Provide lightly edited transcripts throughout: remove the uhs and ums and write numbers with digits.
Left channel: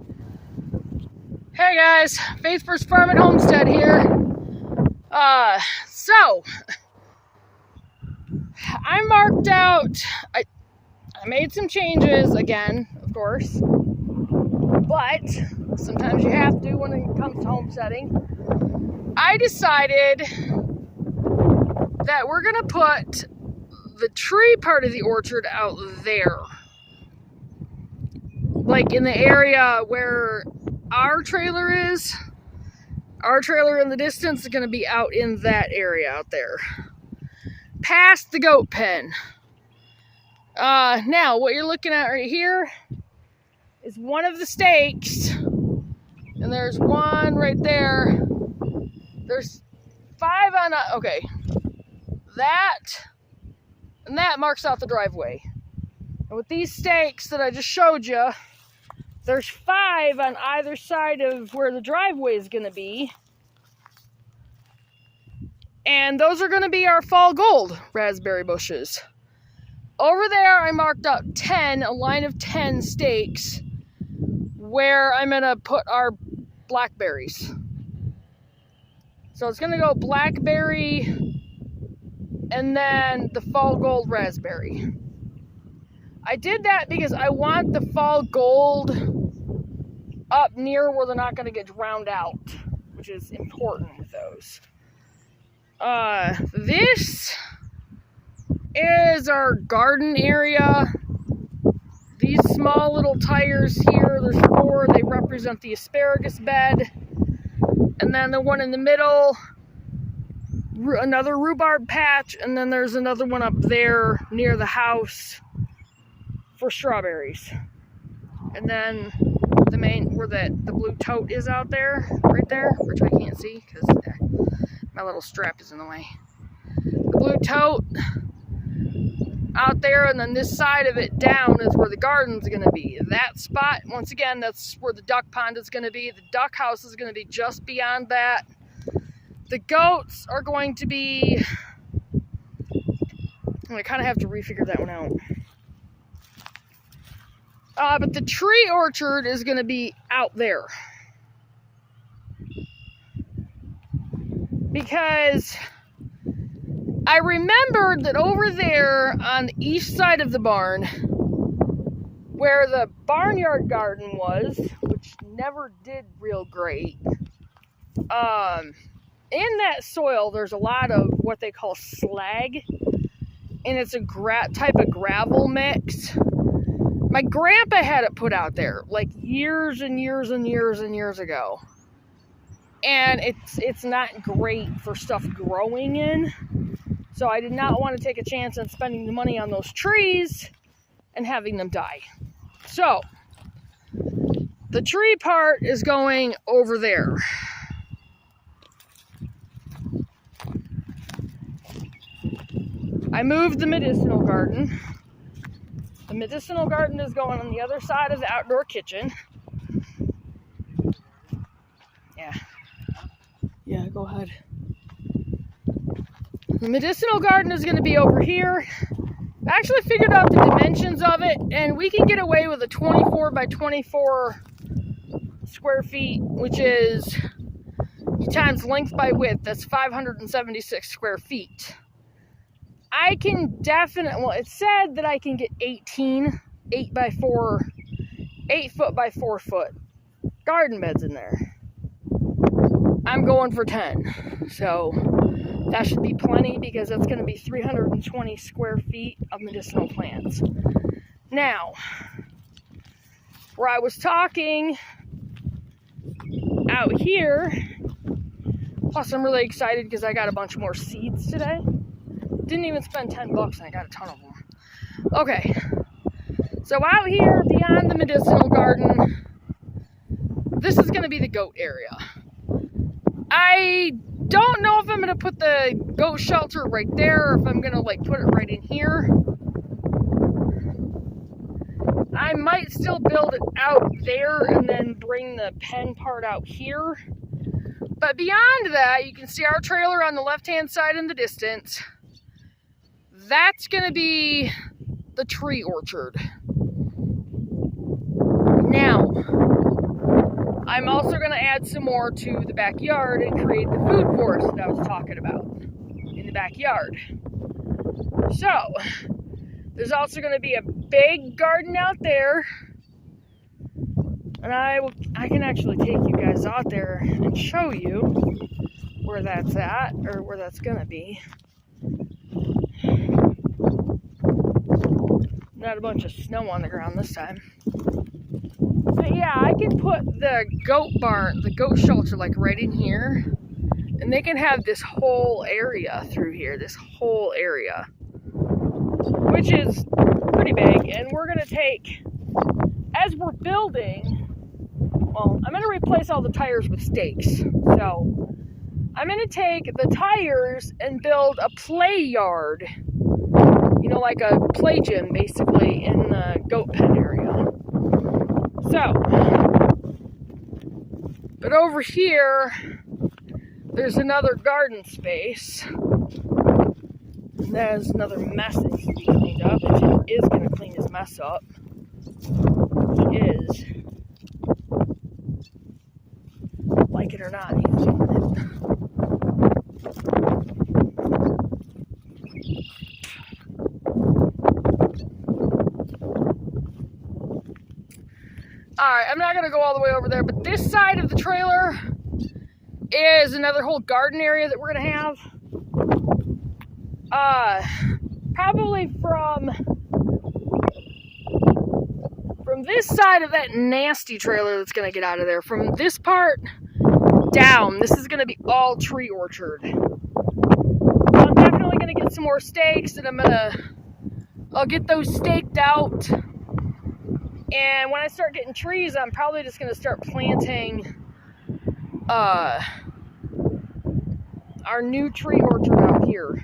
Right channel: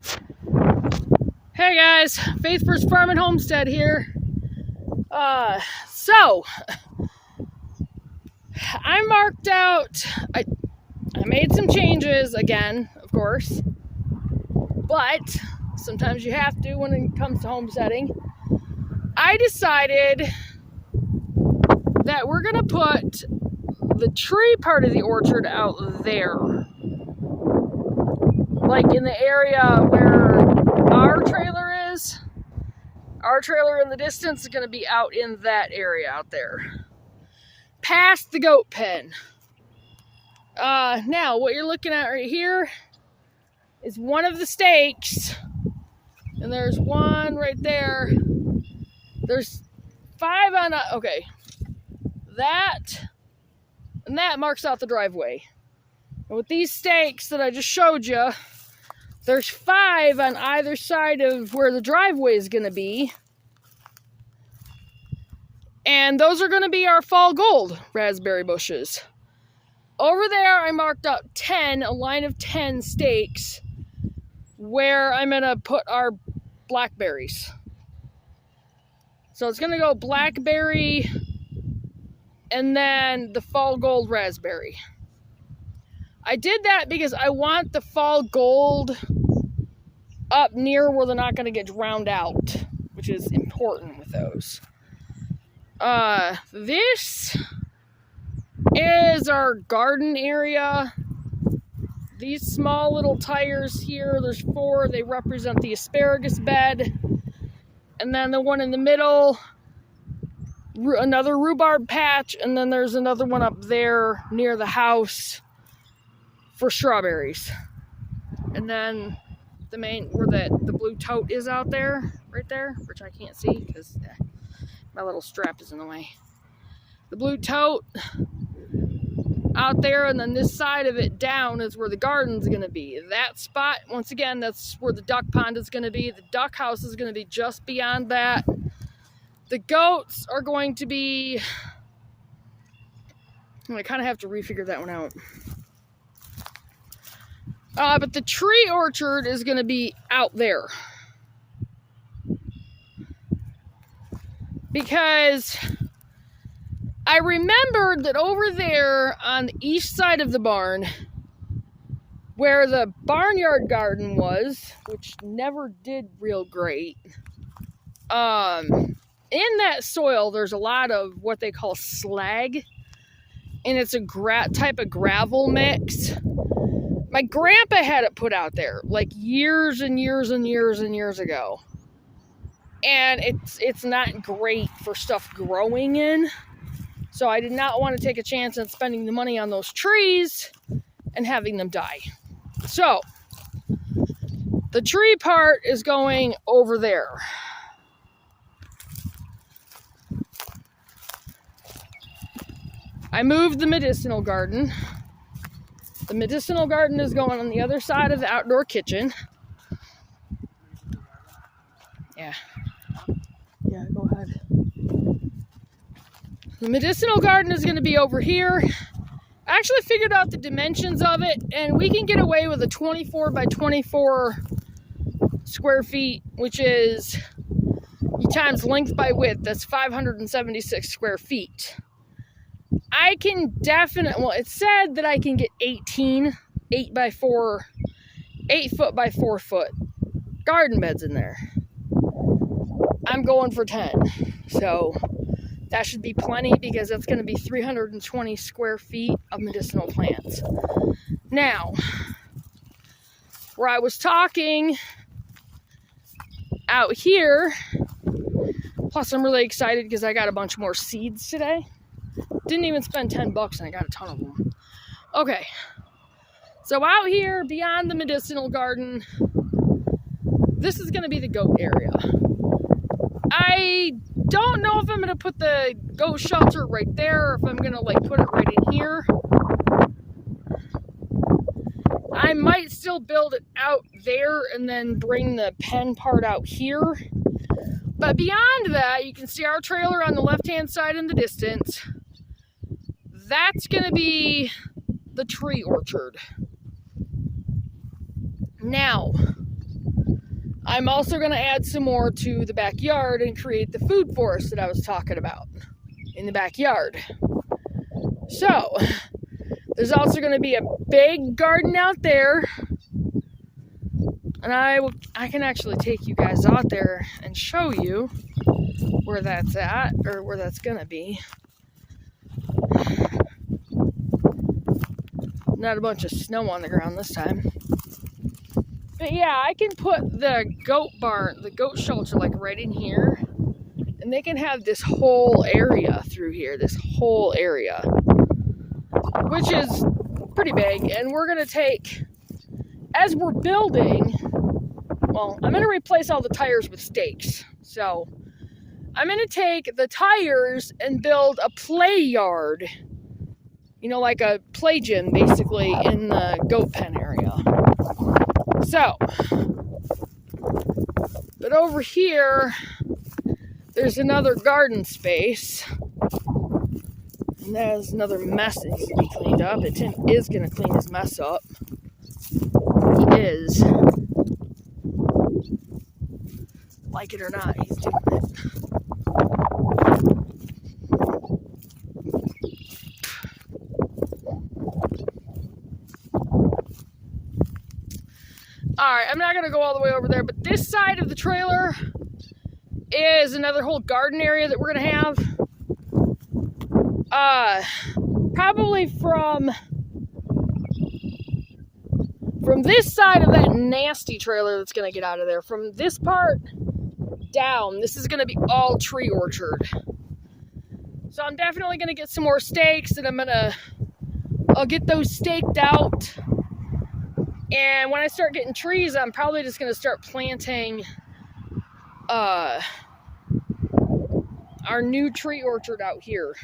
Hey guys, Faith First Farm and Homestead here. So I marked out, I made some changes again, of course, but sometimes you have to when it comes to homesteading. I decided that we're gonna put the tree part of the orchard out there, like in the area where our trailer is. Our trailer in the distance is going to be out in that area out there, past the goat pen. Now what you're looking at right here is one of the stakes, and there's one right there. There's 5 on okay, that and that marks out the driveway. And with these stakes that I just showed you, there's 5 on either side of where the driveway is going to be. And those are going to be our fall gold raspberry bushes. Over there, I marked out a line of 10 stakes where I'm going to put our blackberries. So it's going to go blackberry and then the fall gold raspberry. I did that because I want the fall gold up near where they're not going to get drowned out, which is important with those. This is our garden area. These small little tires here, there's 4, they represent the asparagus bed. And then the one in the middle, another rhubarb patch, and then there's another one up there near the house for strawberries. And then the main, where the blue tote is out there, right there, which I can't see because my little strap is in the way. The blue tote out there, and then this side of it down is where the garden's gonna be. That spot, once again, that's where the duck pond is gonna be. The duck house is gonna be just beyond that. The goats are going to be, I kind of have to refigure that one out. But the tree orchard is going to be out there. Because I remembered that over there on the east side of the barn, where the barnyard garden was, which never did real great, in that soil there's a lot of what they call slag, and it's a type of gravel mix. My grandpa had it put out there like years and years and years and years ago. And it's not great for stuff growing in. So I did not want to take a chance on spending the money on those trees and having them die. So the tree part is going over there. I moved the medicinal garden. The medicinal garden is going on the other side of the outdoor kitchen. Yeah, go ahead. The medicinal garden is going to be over here. I actually figured out the dimensions of it, and we can get away with a 24 by 24 square feet, which is times length by width. That's 576 square feet. I can definitely, well, it said that I can get 8 foot by 4 foot garden beds in there. I'm going for 10. So that should be plenty, because that's going to be 320 square feet of medicinal plants. Now, where I was talking out here, plus I'm really excited because I got a bunch more seeds today. Didn't even spend $10 and I got a ton of them. Okay, so out here beyond the medicinal garden, this is going to be the goat area. I don't know if I'm going to put the goat shelter right there, or if I'm going to like put it right in here. I might still build it out there and then bring the pen part out here. But beyond that, you can see our trailer on the left-hand side in the distance. That's going to be the tree orchard. Now, I'm also going to add some more to the backyard and create the food forest that I was talking about in the backyard. So, there's also going to be a big garden out there. And I can actually take you guys out there and show you where that's at, or where that's going to be. Not a bunch of snow on the ground this time. But yeah, I can put the goat barn, the goat shelter, like right in here. And they can have this whole area through here, this whole area. Which is pretty big. And we're going to take, as we're building, well, I'm going to replace all the tires with stakes. So, I'm going to take the tires and build a play yard. You know, like a play gym, basically, in the goat pen area. So, but over here, there's another garden space. And there's another mess that needs to be cleaned up. And Tim is going to clean his mess up. He is. Like it or not, he's doing it. Alright, I'm not going to go all the way over there, but this side of the trailer is another whole garden area that we're going to have. Probably from this side of that nasty trailer that's going to get out of there, from this part down, this is going to be all tree orchard. So I'm definitely going to get some more stakes, and I'll get those staked out. And when I start getting trees, I'm probably just going to start planting our new tree orchard out here.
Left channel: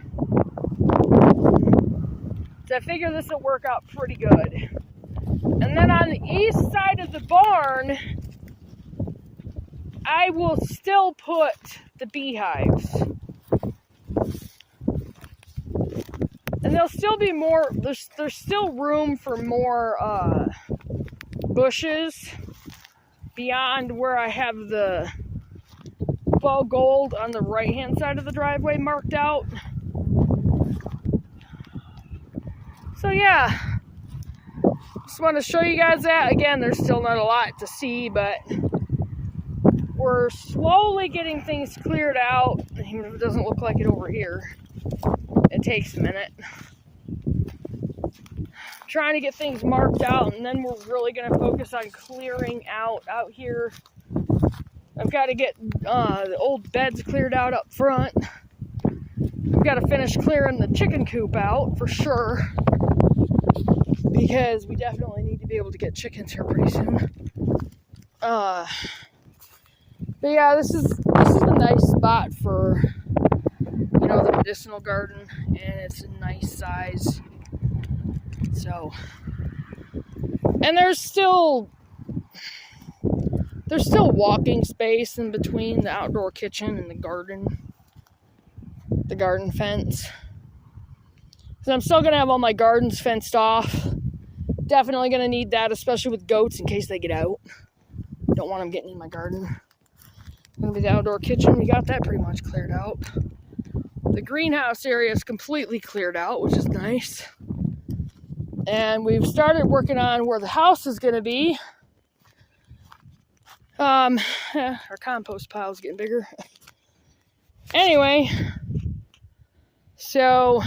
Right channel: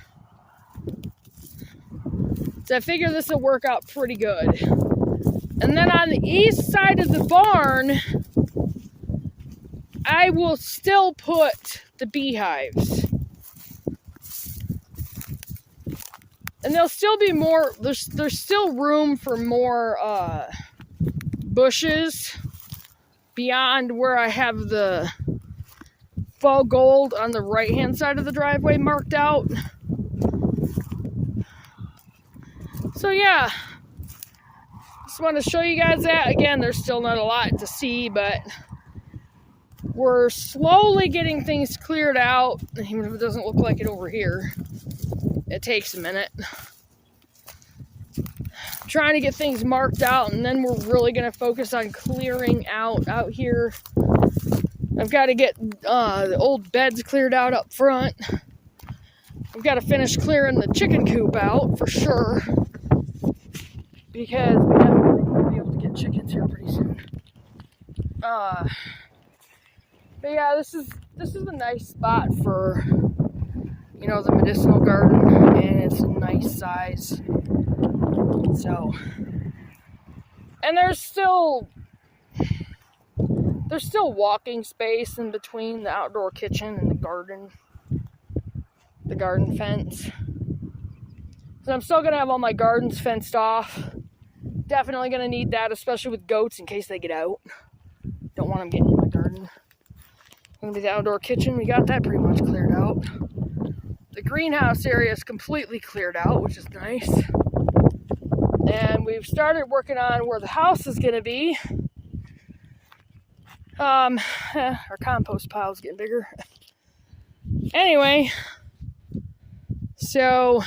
So I figure this will work out pretty good. And then on the east side of the barn, I will still put the beehives. And there'll still be more, there's still room for more bushes beyond where I have the fall gold on the right hand side of the driveway marked out. So yeah, just want to show you guys that. Again, there's still not a lot to see, but we're slowly getting things cleared out, even if it doesn't look like it over here. It takes a minute. Trying to get things marked out, and then we're really going to focus on clearing out here. I've got to get the old beds cleared out up front. I've got to finish clearing the chicken coop out for sure, because we definitely need to be able to get chickens here pretty soon. But yeah, this is a nice spot for, you know, the medicinal garden, and it's a nice size. So, and there's still walking space in between the outdoor kitchen and the garden fence. So I'm still gonna have all my gardens fenced off. Definitely gonna need that, especially with goats in case they get out. Don't want them getting in my garden. Gonna be the outdoor kitchen. We got that pretty much cleared out. The greenhouse area is completely cleared out, which is nice. And we've started working on where the house is going to be. Our compost pile is getting bigger. Anyway, so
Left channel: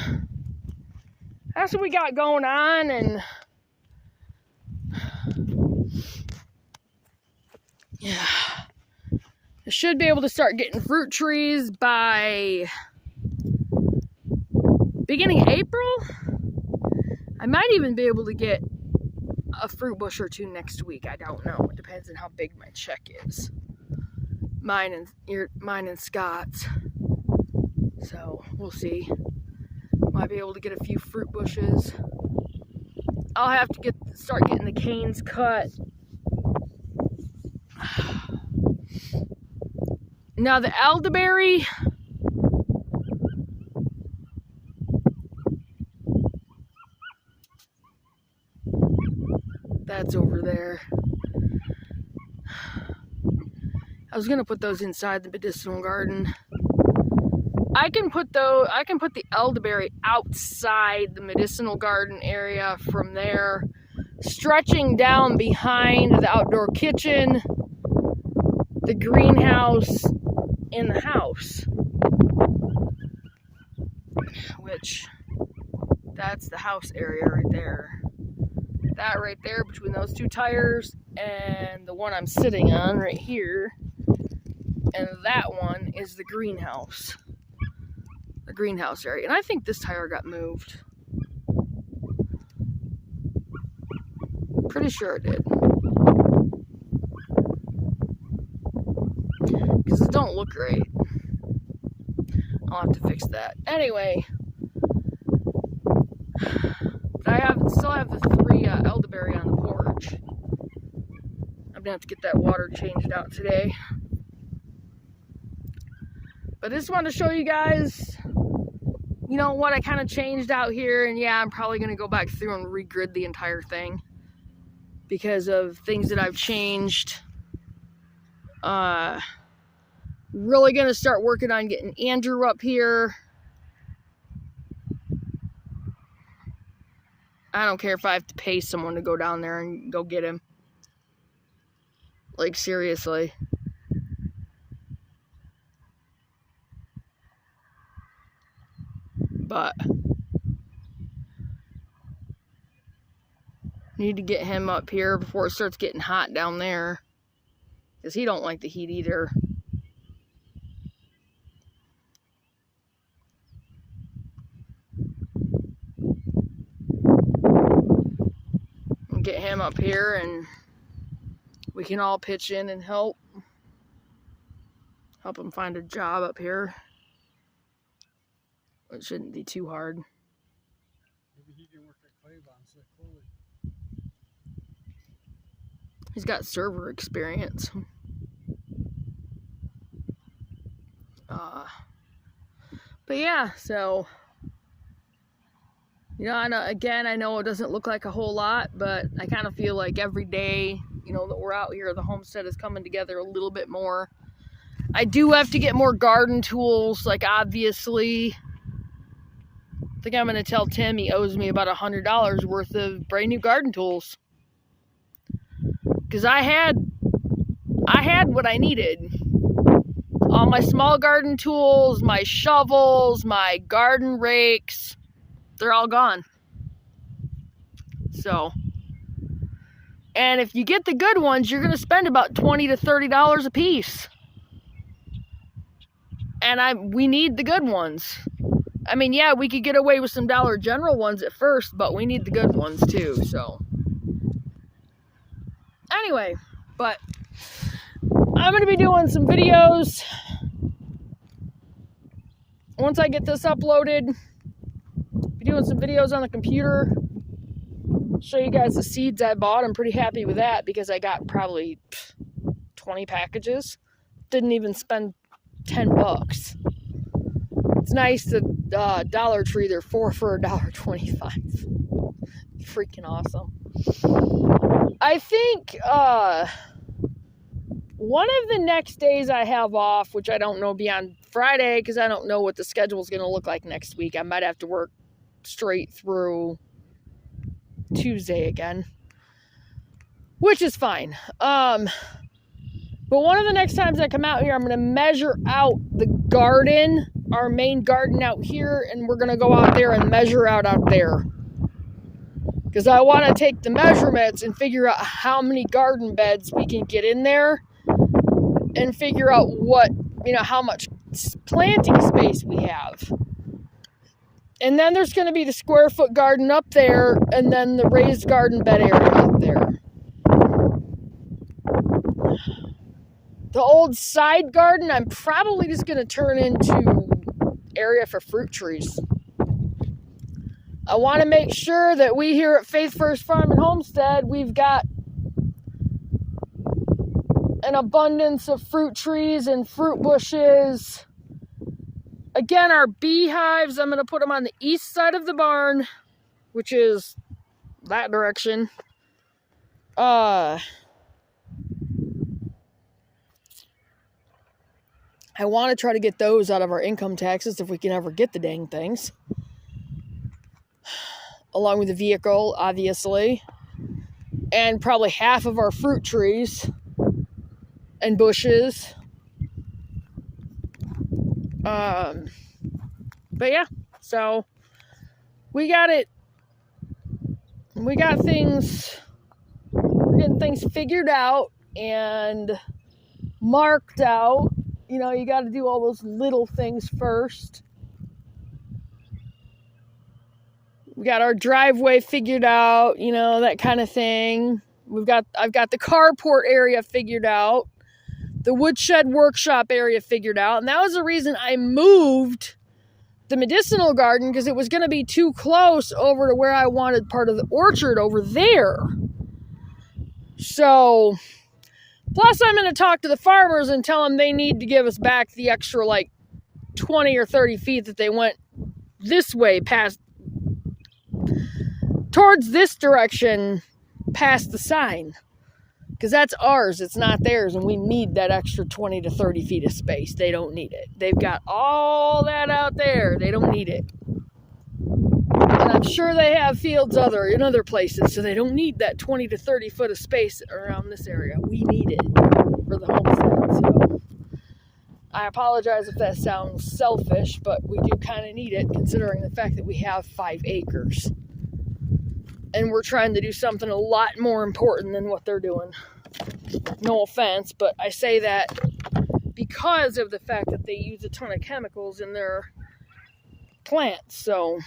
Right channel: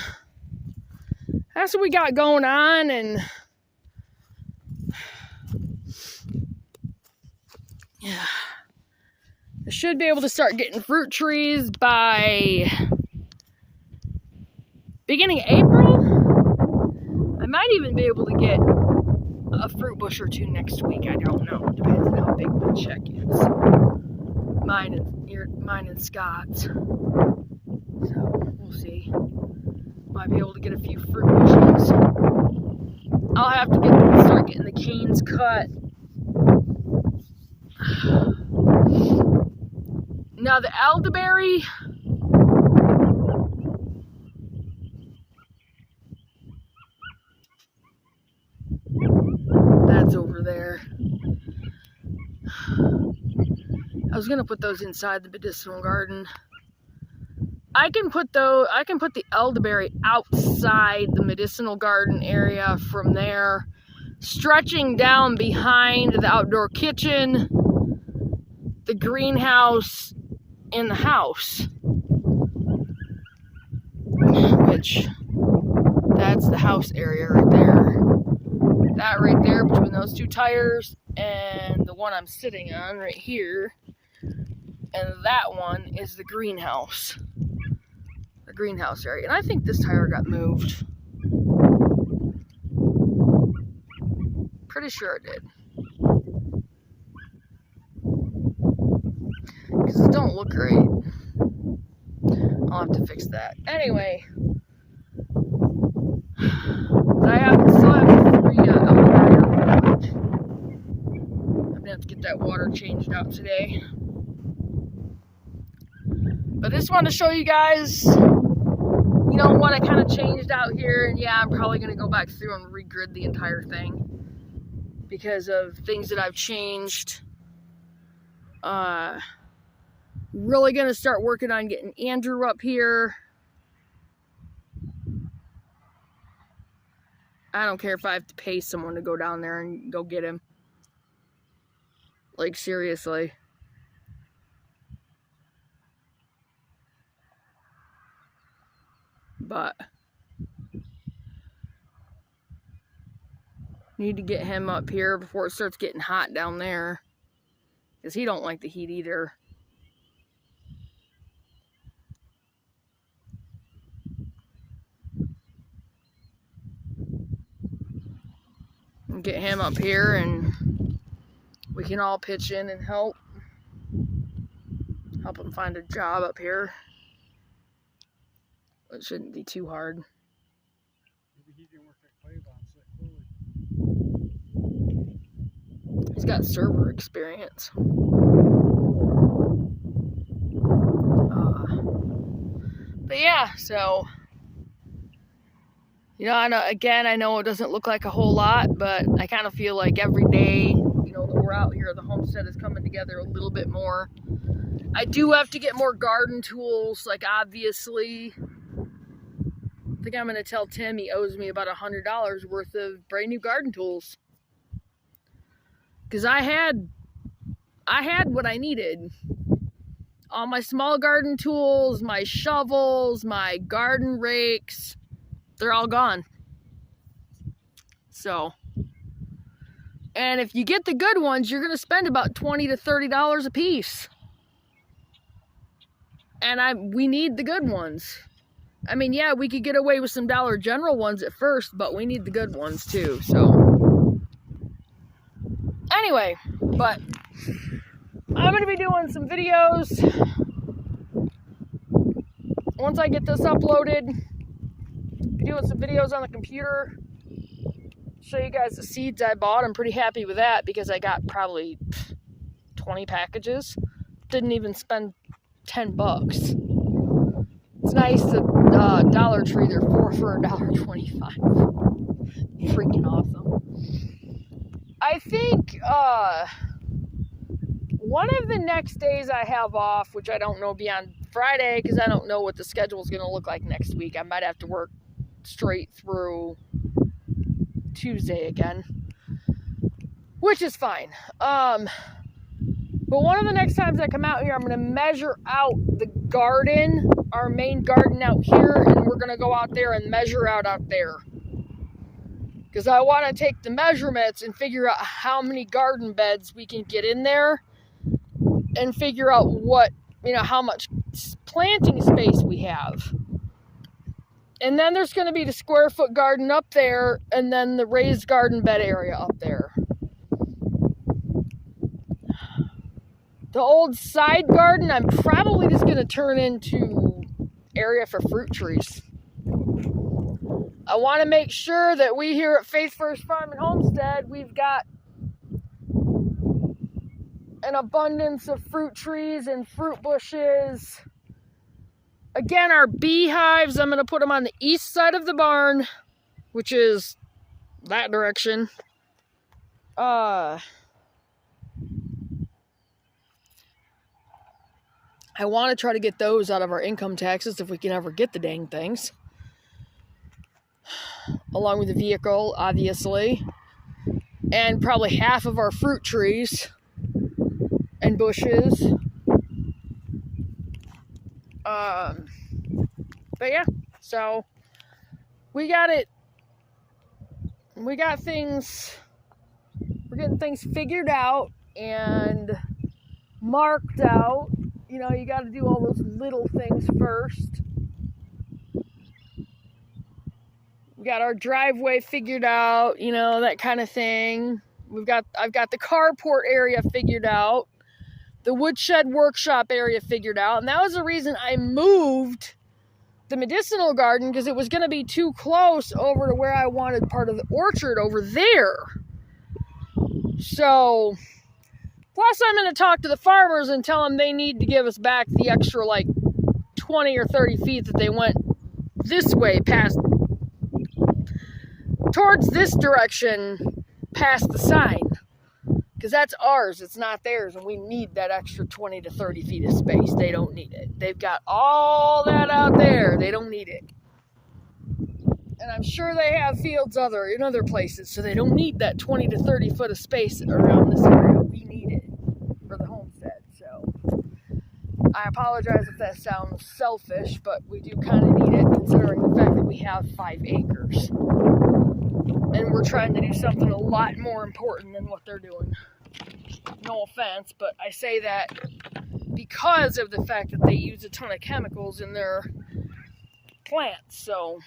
that's what we got going on, and yeah, I should be able to start getting fruit trees by beginning of April. I might even be able to get a fruit bush or two next week. I don't know. It depends on how big my check is. Mine and Scott's. So we'll see. Might be able to get a few fruit bushes. I'll have to start getting the canes cut. Now the elderberry, that's over there. I was gonna put those inside the medicinal garden. I can put the elderberry outside the medicinal garden area from there, stretching down behind the outdoor kitchen, the greenhouse, and the house. Which, that's the house area right there. That right there between those two tires and the one I'm sitting on right here. And that one is the greenhouse. The greenhouse area. And I think this tire got moved. Pretty sure it did. Because it don't look great. I'll have to fix that. Anyway. Still have 3 elderberry on the porch. I'm going to have to get that water changed out today. But I just wanted to show you guys, you know, what I kind of changed out here. And yeah, I'm probably going to go back through and regrid the entire thing because of things that I've changed. Really going to start working on getting Andrew up here. I don't care if I have to pay someone to go down there and go get him. Like, seriously. But need to get him up here before it starts getting hot down there. Because he don't like the heat either. Get him up here and we can all pitch in and help him find a job up here. It shouldn't be too hard. Maybe he can work at Claiborne. He's got server experience. But yeah, so you know, I know it doesn't look like a whole lot, but I kind of feel like every day, you know, that we're out here, the homestead is coming together a little bit more. I do have to get more garden tools, like obviously. I think I'm going to tell Tim he owes me about $100 worth of brand new garden tools. Because I had what I needed. All my small garden tools, my shovels, my garden rakes. They're all gone. So, and if you get the good ones, you're going to spend about $20 to $30 a piece. And we need the good ones. I mean, yeah, we could get away with some Dollar General ones at first, but we need the good ones too, so. Anyway, but I'm going to be doing some videos. Once I get this uploaded, doing some videos on the computer, show you guys the seeds I bought. I'm pretty happy with that because I got probably 20 packages. Didn't even spend 10 bucks. It's nice that Dollar Tree, they're 4 for $1.25. Freaking awesome. I think one of the next days I have off, which I don't know beyond Friday because I don't know what the schedule is going to look like next week. I might have to work straight through Tuesday again, which is fine. But one of the next times I come out here, I'm going to measure out the garden, our main garden out here, and we're going to go out there and measure out there. Because I want to take the measurements and figure out how many garden beds we can get in there and figure out what, you know, how much planting space we have. And then there's going to be the square foot garden up there and then the raised garden bed area up there. The old side garden, I'm probably just going to turn into area for fruit trees. I want to make sure that we here at Faith First Farm and Homestead, we've got an abundance of fruit trees and fruit bushes. Again, our beehives, I'm going to put them on the east side of the barn, which is that direction. I want to try to get those out of our income taxes if we can ever get the dang things. Along with the vehicle, obviously. And probably half of our fruit trees and bushes. But yeah, so we got it. We got things, we're getting things figured out and marked out. You know, you got to do all those little things first. We got our driveway figured out, you know, that kind of thing. I've got the carport area figured out, the woodshed workshop area figured out, and that was the reason I moved the medicinal garden, because it was going to be too close over to where I wanted part of the orchard over there. So, plus I'm going to talk to the farmers and tell them they need to give us back the extra like 20 or 30 feet that they went this way past, towards this direction past the sign. Because that's ours, it's not theirs, and we need that extra 20 to 30 feet of space. They don't need it. They've got all that out there. They don't need it. And I'm sure they have fields in other places, so they don't need that 20 to 30 foot of space around this area. We need it for the homestead. So I apologize if that sounds selfish, but we do kind of need it considering the fact that we have 5 acres. And we're trying to do something a lot more important than what they're doing. No offense, but I say that because of the fact that they use a ton of chemicals in their plants. So,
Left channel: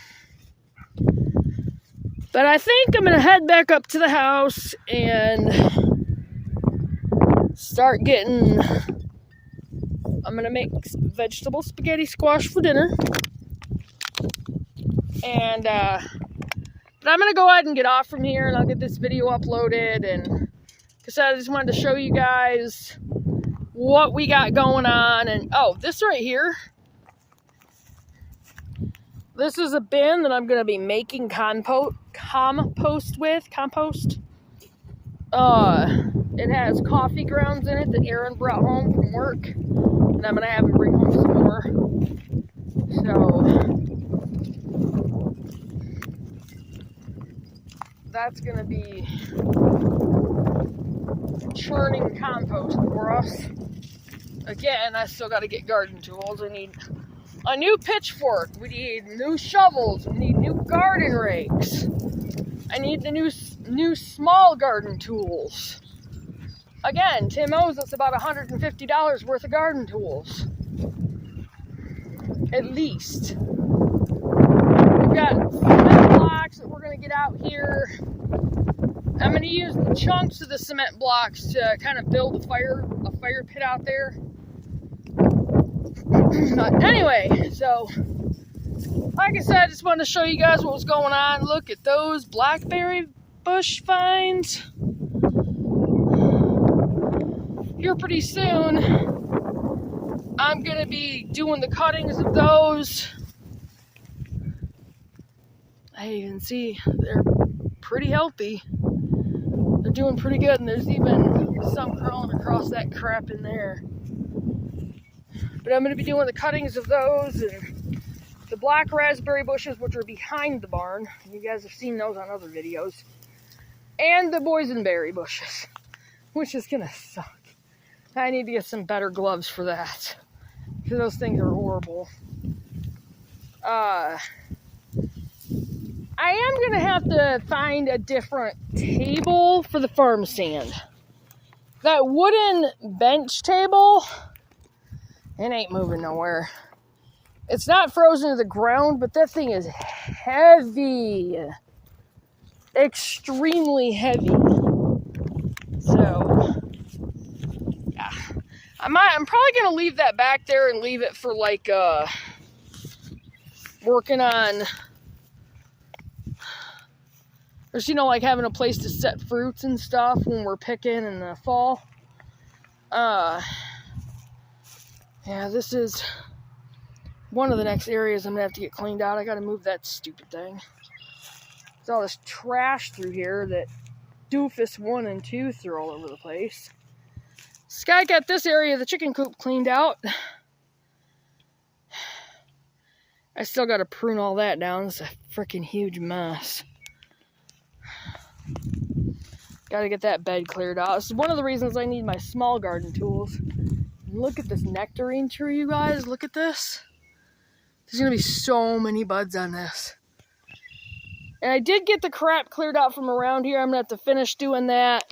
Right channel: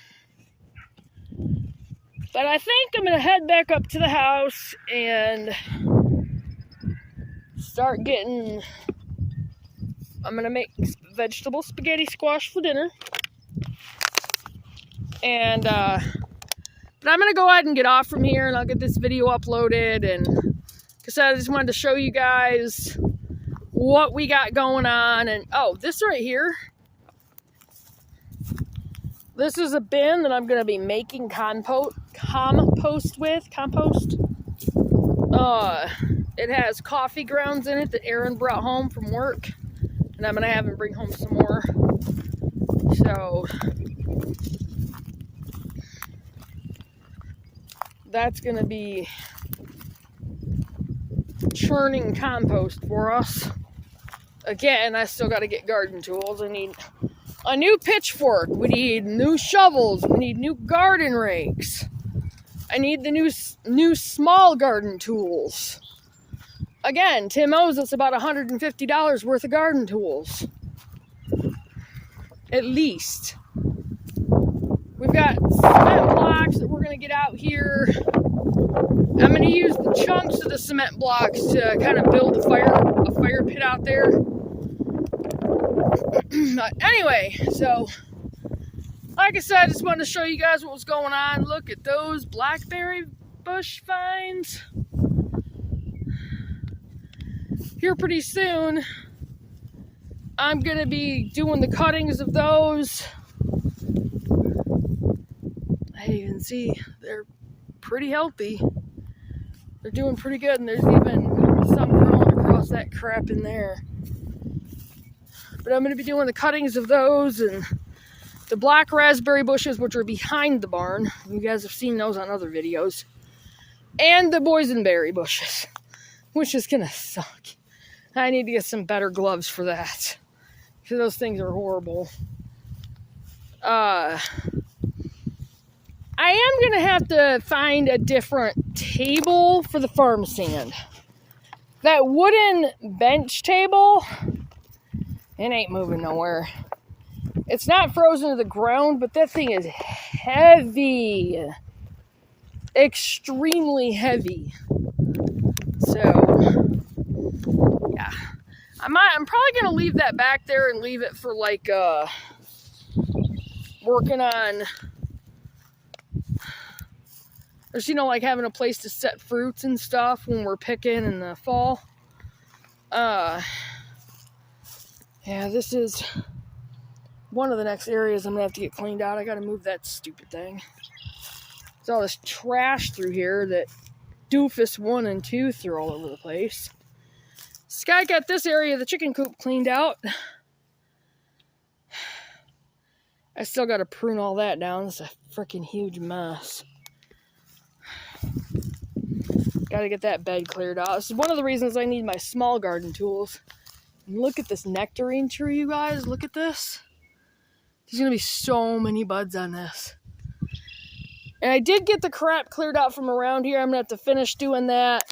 but I think I'm going to head back up to the house and start getting, I'm going to make vegetable spaghetti squash for dinner. And, but I'm going to go ahead and get off from here, and I'll get this video uploaded. And because I just wanted to show you guys what we got going on. And, oh, this right here. This is a bin that I'm going to be making compost with. It has coffee grounds in it that Aaron brought home from work. And I'm going to have him bring home some more. So that's going to be churning compost for us. Again, I still got to get garden tools. I need a new pitchfork. We need new shovels. We need new garden rakes. I need the new small garden tools. Again, Tim owes us about $150 worth of garden tools. At least. We've got cement blocks that we're going to get out here. I'm going to use the chunks of the cement blocks to kind of build a fire pit out there. But anyway, so like I said, I just wanted to show you guys what was going on. Look at those blackberry bush vines. Here pretty soon, I'm going to be doing the cuttings of those. You can see they're pretty healthy. They're doing pretty good, and there's even some crawling across that crap in there. But I'm going to be doing the cuttings of those, and the black raspberry bushes, which are behind the barn. You guys have seen those on other videos. And the boysenberry bushes, which is going to suck. I need to get some better gloves for that, because those things are horrible. I am going to have to find a different table for the farm stand. That wooden bench table, it ain't moving nowhere. It's not frozen to the ground, but that thing is heavy. Extremely heavy. So, yeah. I'm probably going to leave that back there and leave it for like working on, or you know, like having a place to set fruits and stuff when we're picking in the fall. Yeah, this is one of the next areas I'm going to have to get cleaned out. I got to move that stupid thing. There's all this trash through here that Doofus 1 and 2 threw all over the place. Sky got this area of the chicken coop cleaned out. I still got to prune all that down. It's a freaking huge mess. Got to get that bed cleared out. This is one of the reasons I need my small garden tools. Look at this nectarine tree, you guys. Look at this. There's going to be so many buds on this. And I did get the crap cleared out from around here. I'm going to have to finish doing that.